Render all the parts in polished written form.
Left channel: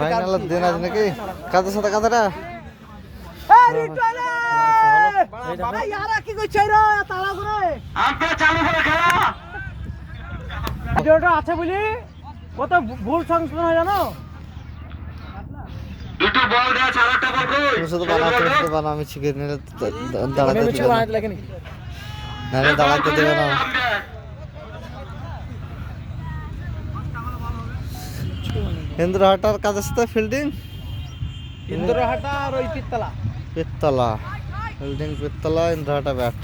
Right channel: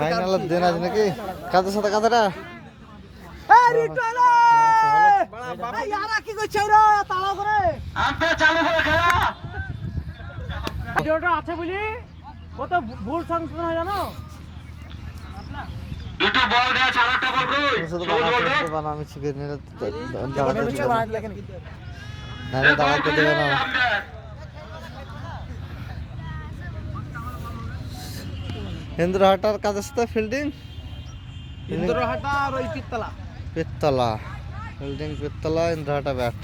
Final দিন আজ নাকি কাদের সাথে কাদেরা আছে বলি কত ভুল সংশোধন হয় জানো দুটো বল দেয়া চারটা বল কই শুধু বানাও আমি শিখে নিলে দাঁড়াতে দেবে না নারে দাঁড়াতে দেবে না ইন্দ্রহাটার কাদের সাথে ফিল্ডিং ইন্দ্রহাটা আর ওই পিত্তলা ফিল্ডিং পিত্তলা ইন্দ্রহাটা ব্যাট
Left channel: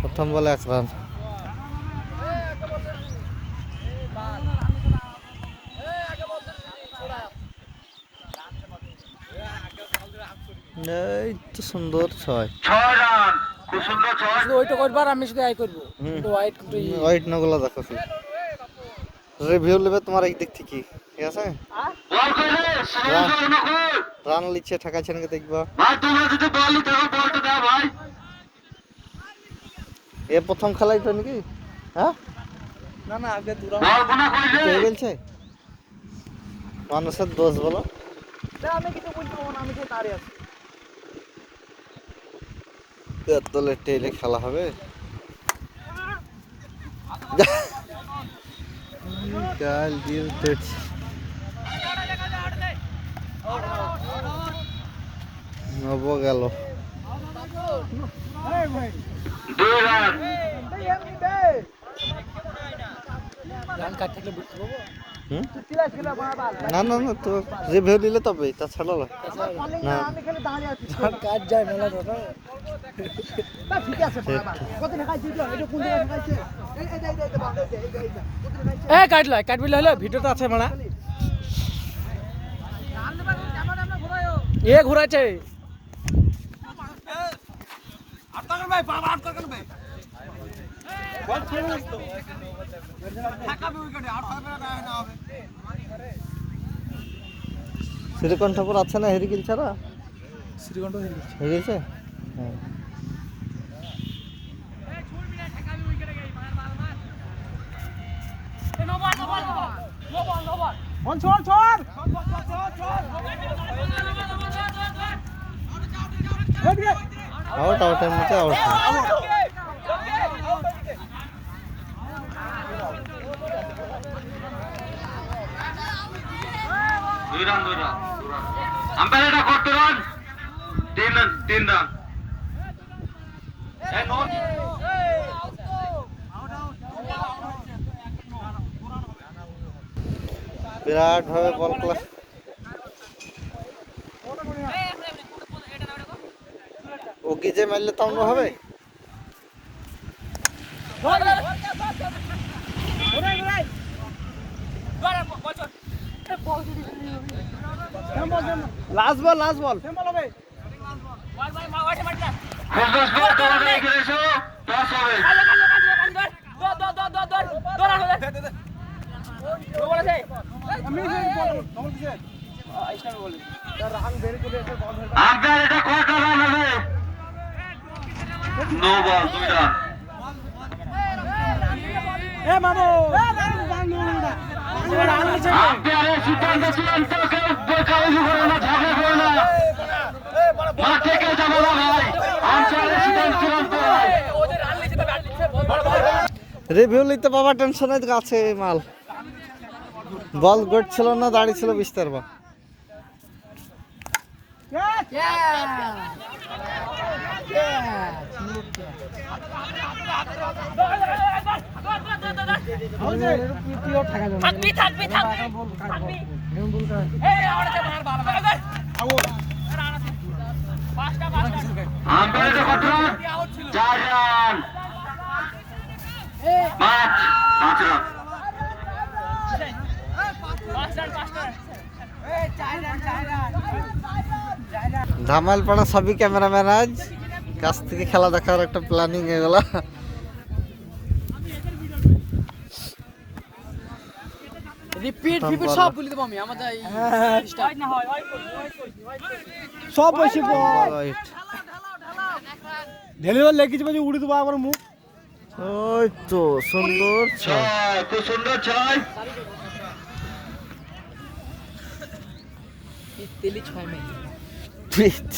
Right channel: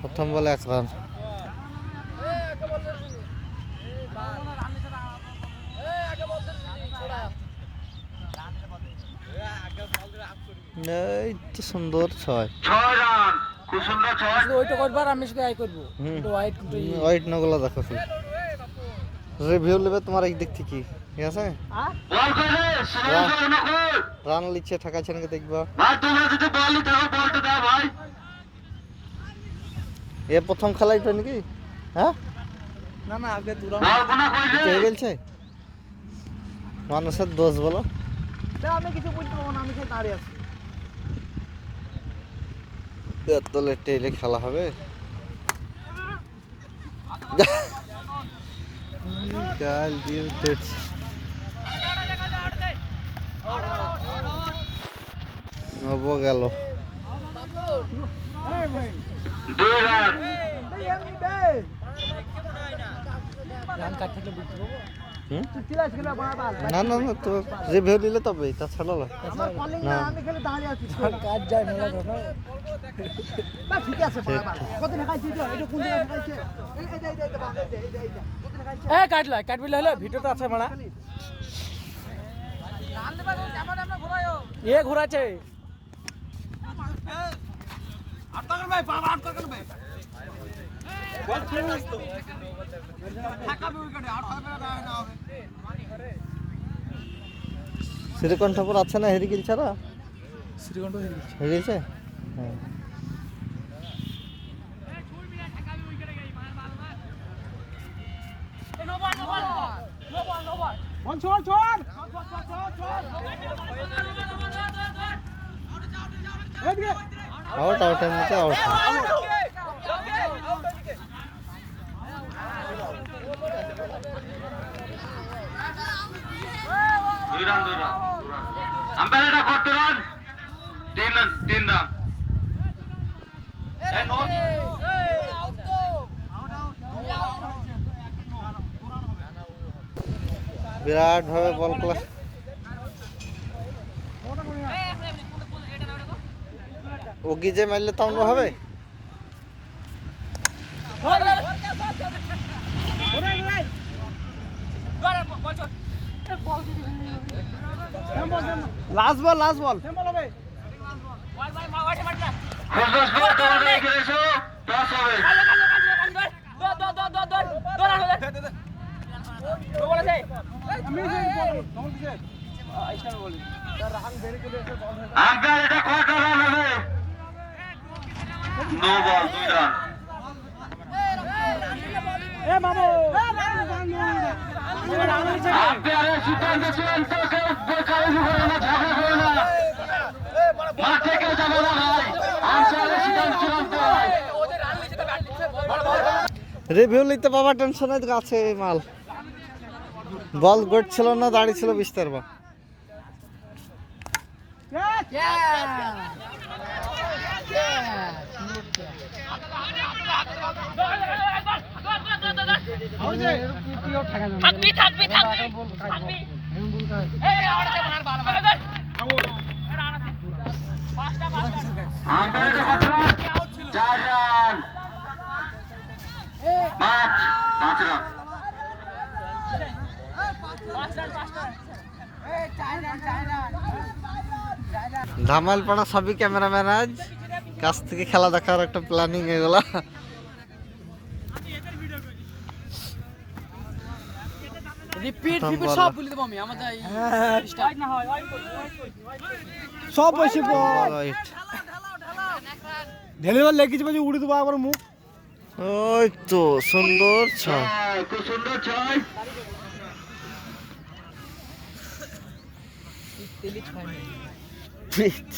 প্রথম বলে 1 রান এই তো সুন্দর 6 6 রান খুব সুন্দর 6 ওইটা করবার আমি শুধু আই করব হোয়াইট নগুলা দেখো শুধু রিভিউ নেবে তোমার এই দিক থেকে ঠিক আছে বল করে সুন্দর না কই রান লিখে ঠকাছেন কে দেখবা ভাই তোমরা যদি বল নিতে হবে বলটা দাও ভাই এ প্রথম খেলাই তো নাকি হ্যাঁ না না আগে দূর বল কোনা কইলে কে বলছে মানুষের দোষ বলো আমি কিছু বলতে পারবো না আমি যে দাঁড়িয়ে আছি তোলে টেলে খেলা হবে কাল দিয়ে তো নব গেল 2 রান রান কাটলে বিক্রি হবে হুম তুই ক্লাস গেলে বাবা না না না তো রিভিউ নিলে তবে তা ছাড়া না আমি খালি দাঁড়িয়ে আছি কাজ যায় মেলা বাবা না ঠিক আছে বাবা কত টাকা দিতে এটা কোন জায়গা খাইছে এই কাটবিলে হলো ভিডিওটা আছে মানা এ ঘুরাইছে আটকান ভাই বাবা আটকান ভাই বল ছেড়ে থাকাবে উইকেটে আর হবে না হবে শ্রীকণ্ঠপুর আছে না হেরিকিল ছাড়া শ্রীকণ্ঠ হয়ে গেছে হ্যাঁ আউটের মধ্যে আউট 2 রান আম্পায়ার এটা কত রান 3 রান এই নো বিরাট ভাবে বল খেলা ওগি যে মারলে তো অন্য হবে লাস্ট বল আম্পায়ার এটা কত রান হবে নো বল 2 রান এ মামু আম্পায়ারের সিদ্ধান্ত চূড়ান্ত কেউ বোকামি করে না ঝগড়া করে না মাঠ থেকে যাবো না ভাই আম্পায়ারের সিদ্ধান্ত চূড়ান্ত রিভিউ নিতে বাবা টেনশনে আছে মাল বল গট ছিল না দাঁড়িয়ে ছিল বিস্তার বা থাকবি আম্পায়ারের কত রান 4 রান 5 রান ধামালপাড়া সবই ক্যামেরাম্যান আজ কাছ থেকে খেলা দেখার একটা প্ল্যানিং এগুলা রিপিট সব বলে দেব আমি আমাদের স্টার্ট না হয় সব বসে বল রাইট ডেলিভার লেগেছে বাজে উড়ে দেবো আবার মুখ ওই তো সুন্দর ছয়। খুব সুন্দর ছয়। তেলি 6 মিনিট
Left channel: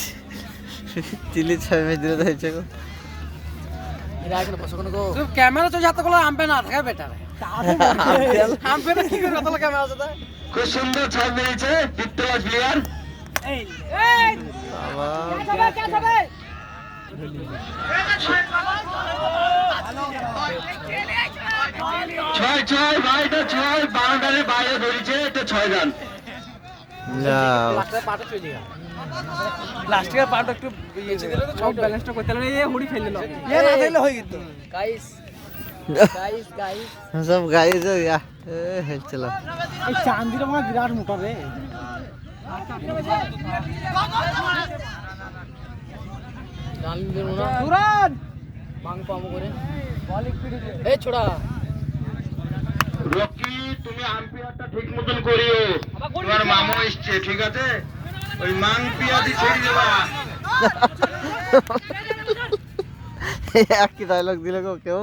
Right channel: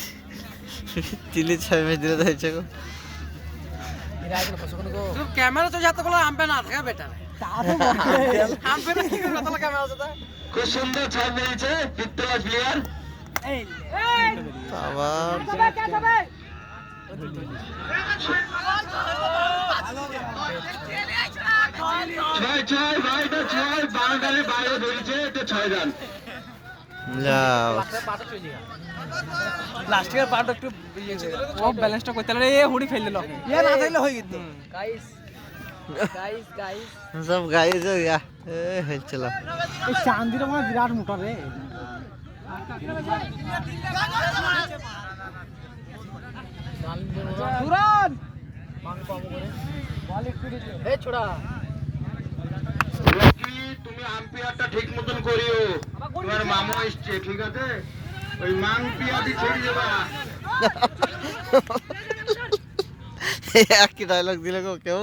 তিলি ছয় মেয়ে দিলে যাইছে গো। এরা এখানে বসে কোনো ক্যামেরা তো যাতে বলে আমবে না থাকা বেটার আমবে না কি করে তাহলে ক্যামেরা আছে খুব সুন্দর ছয় মেরেছে পিত্তলাজ প্লেয়ার। এই আবার ছয় ছয় ভাই, এটা ছয়, বাউন্ডারির বাইরে ধরেছে, এটা 6 রান। যাও পাটা চলে গেল লাস্টের পাটা একটু সব ব্যালেন্সটা করতে না এ হুড়ি ফেলে দিল এ না ফেলে হয়ে গেল গাইস গাইস সব গাড়ি তো হেলছিল। এই চান্দির আমার বিরাট মোটা রে তুরান মান পাবো করে বল স্পিড এ ছোড়া রকি, তুমি আম্পায়ারটা ঠিক মতন করিও, তোমার মামা এসছে, ঠিক আছে? ওই মাংপিয়াদি ছেড়ে দেবা। একই ডায়লগ দিলে গো কেউ।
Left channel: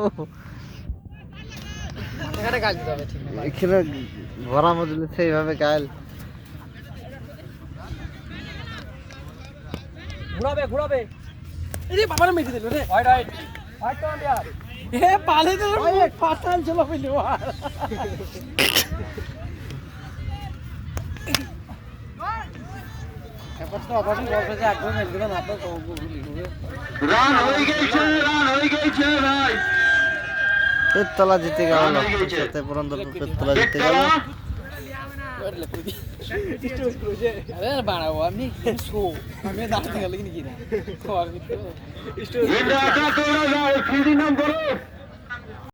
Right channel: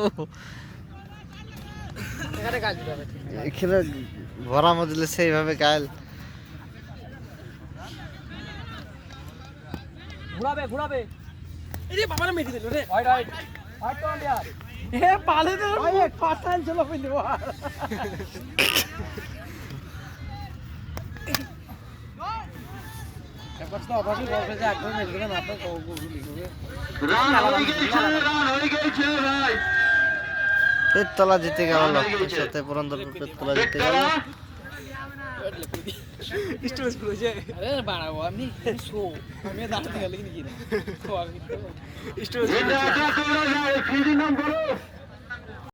এখানে গাল দিতে হবে ঠিক এখানে ভরা মজলে সেইভাবে গায়েল। ঘুরাবে এরে বাবারে মেরে দিল রে রাইট তো ইয়ার এ পালে তো পাতাল চলো ফেলো একবার তো আবার বলবে যে একবার মেরে দিলাম আপনার তো গুলি করে রান হয়ে গেছে, রান হয়ে গেছে ভাই। পেটতলা জিতে গেল, সাথে পুরন্দরপুর পেটতলা জিতে গেল। স্টোরেজ করেছে আরে বাড়াবো আমি শো আমি দাঁড়াতে গেল কি না স্টোরেজ এটা আটা করে যাও, ফিল্ডিং নাম করো।